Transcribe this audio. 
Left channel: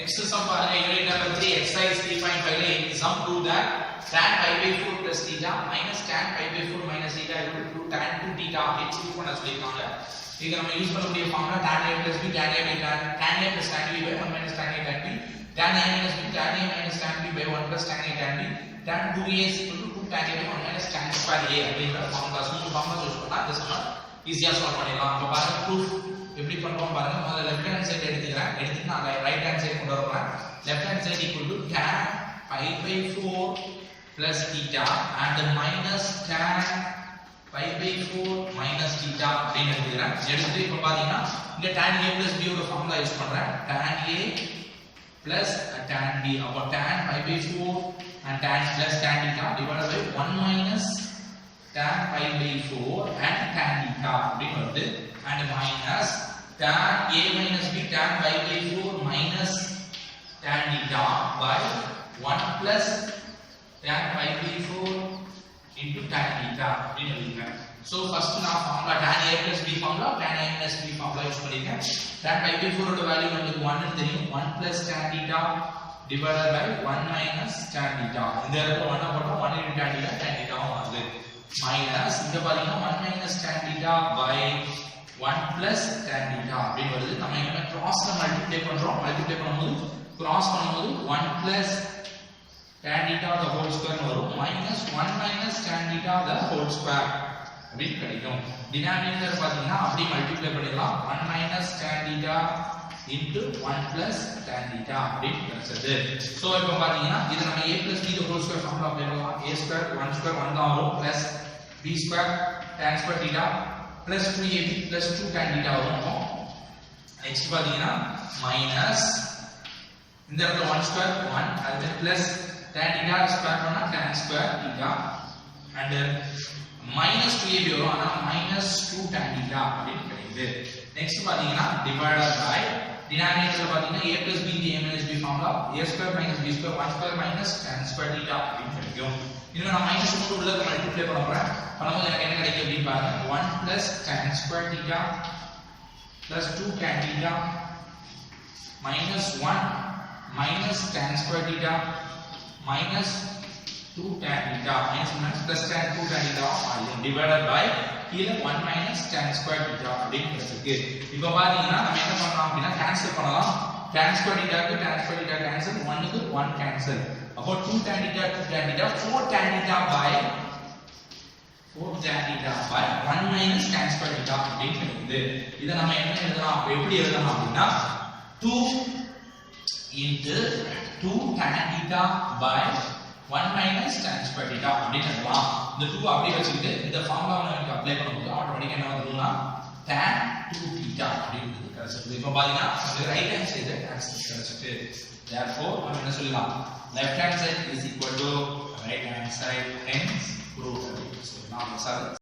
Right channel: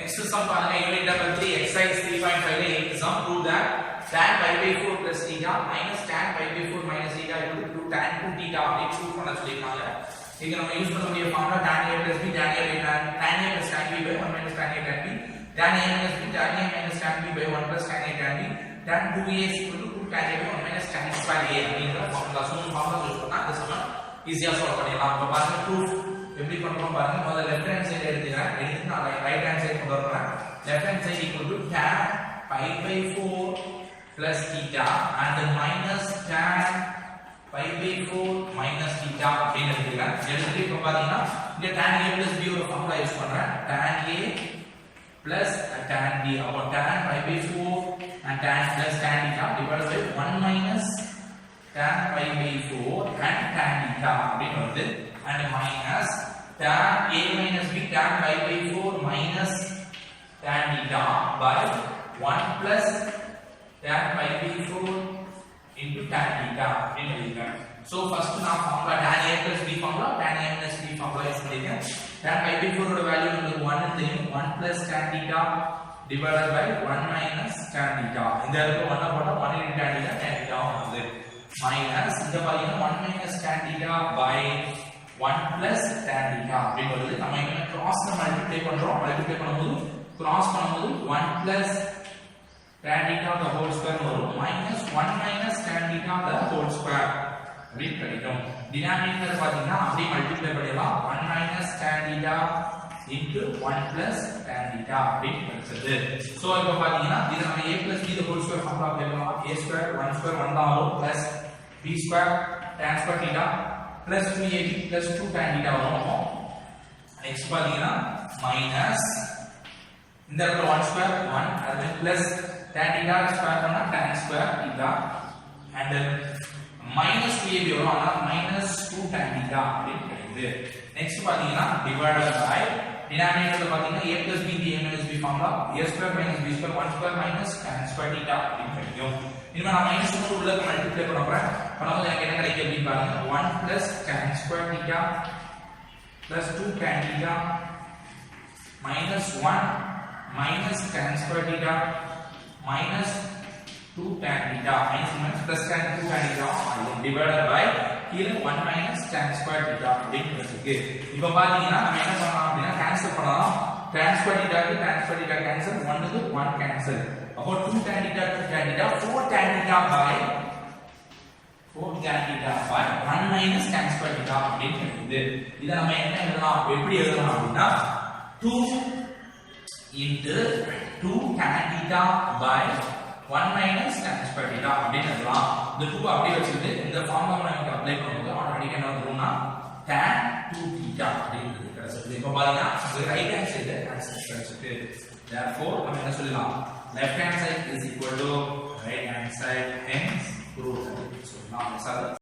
Next sum பாருங்க unit number 3 exercise 3.5 ல sum prove that tan pi by 4 plus theta minus tan pi by 4 minus theta equal to tan 2 theta அப்படி prove பண்ண சொல்லிருக்காங்க. இங்க நம்ம use பண்ணக்கூடிய formula tan a plus b tan a by tan a plus tan b by 1 minus tan a tan b tan a minus b tan a minus tan b by 1 plus tan a tan b tan 2a is equal to 2 tan a by 1 minus tan square a அப்படிங்கற formula use பண்ணா இந்த சம்ம ஈஸியா solve பண்ணிடலாம். அப்ப பாருங்க proof எப்படி பண்றோம் பாருங்க. முதல்ல லெஃப்ட் ஹேண்ட் சைடு எடுத்துக்கிறேன். எடுத்துட்டு நான் ரைட் ஹேண்ட் சைடு கொண்டு வரேன். Left hand side equal to tan pi by 4 plus theta and minus tan pi by 4 minus theta அப்படினு எடுத்துக்கிறேன். எடுத்துட்டு இப்ப பாத்தீங்கன்னா இங்க tan a plus b ஓட ஃபார்முலா யூஸ் பண்றேன். tan a plus tan b அப்ப tan pi by 4 and tan plus tan theta divided by 1 minus tan pi by 4 and tan theta அப்படினு வருது. And minus tan a minus b tan pi by 4 minus tan theta by 1 plus tan pi by 4 into tan theta அப்படின்னு எழுதிருக்கேன். So first நான் formula tan a plus b formula tan a minus b formula use பண்ணிருக்கேன். tan pi by 4 ஓட value நமக்கு 1 ன்னு தெரியும். 1 plus tan theta divided by 1 minus tan theta. இந்த இடத்துல 1 போட்டா 1 into tan theta tan theta வருது. minus இங்க பாத்தீங்கன்னா 1 minus tan theta by 1 plus tan theta அப்படினு வருது. நம்ம இங்க கிராஸ்ல மல்டிப்ளை பண்றோம். மல்டிப்ளை பண்ணும்போது கிராஸ் பண்ணும்போது 1 plus tan theta the whole square வரும் minus 1 minus tan theta the whole square அப்படி கிடைக்கும். டினாமினேட்டர் பாத்தீங்கன்னா அப்படியே மல்டிப்ளை பண்ணிடலாம். 1 minus tan theta into 1 plus tan theta அப்படி கிடைச்சது. சோ இப்போ பாத்தீங்கன்னா இது நம்ம a plus b the whole square formula apply பண்ணலாம். a square 1 square 1 தான் வரும் plus b square tan square theta plus 2ab plus 2 tan theta வரும். நெக்ஸ்ட் பாத்தீங்கன்னா மைனஸ் இந்த இடத்துல 1 ஸ்கொயர் 1 அது plus tan theta ஸ்கொயர் பண்ணா tan square theta and minus 2ab வரும். ஆனா minus 2 tan theta அப்படி கிடைக்குது. நெக்ஸ்ட் பாத்தீங்கன்னா divided by denominatorல பாத்தீங்கன்னா a plus b into a minus b formula a square minus b square 1 square minus tan square theta அப்படி கிடைக்கும். இனிமே நான் மைனஸ் கொண்டு உள்ள மல்டிப்ளை பண்ண போறேன். பண்ணும்போது எனக்கு என்ன கிடைக்கும் அப்படி பாருங்க. 1 plus tan square theta plus 2 tan theta minus 1 minus tan square theta minus 2 tan theta minus plus tan 2 tan theta divided by கீழ 1 minus tan square theta அப்படினு இருக்கு. இப்போ பாத்தீங்கன்னா நம்ம என்ன பண்ணலாம் அப்படினா கேன்சல் பண்ணலாம். tan square theta க்கு tan square theta கேன்சல் 1 க்கு 1 கேன்சல். அப்போ 2 tan theta 2 tan theta 4 tan theta by 1 minus tan square theta அப்படினு இருக்குது. இத நம்ம என்ன எழுதலாம் எப்படி எழுதலாம் அப்படினா 2 into 2 tan theta by 1 minus tan square theta அப்படினு எழுதலாம். இந்த 2 அப்படியே வச்சிட்டு இந்த ஃபார்முலா நம்ம அப்ளை பண்ணும்போது ஆட்டோமேட்டிக்கா என்ன வந்துரும்னா tan 2 theta அப்படிங்கிறது கிடைச்சிருது. இப்போ பாத்தீங்கன்னா இது ரைட் ஹேண்ட் சைடு ஆன்சர் கிடைச்சிட்டு. therefore நம்ம என்ன சொல்லலாம் left hand side is equal to right hand side hence proved. So now let's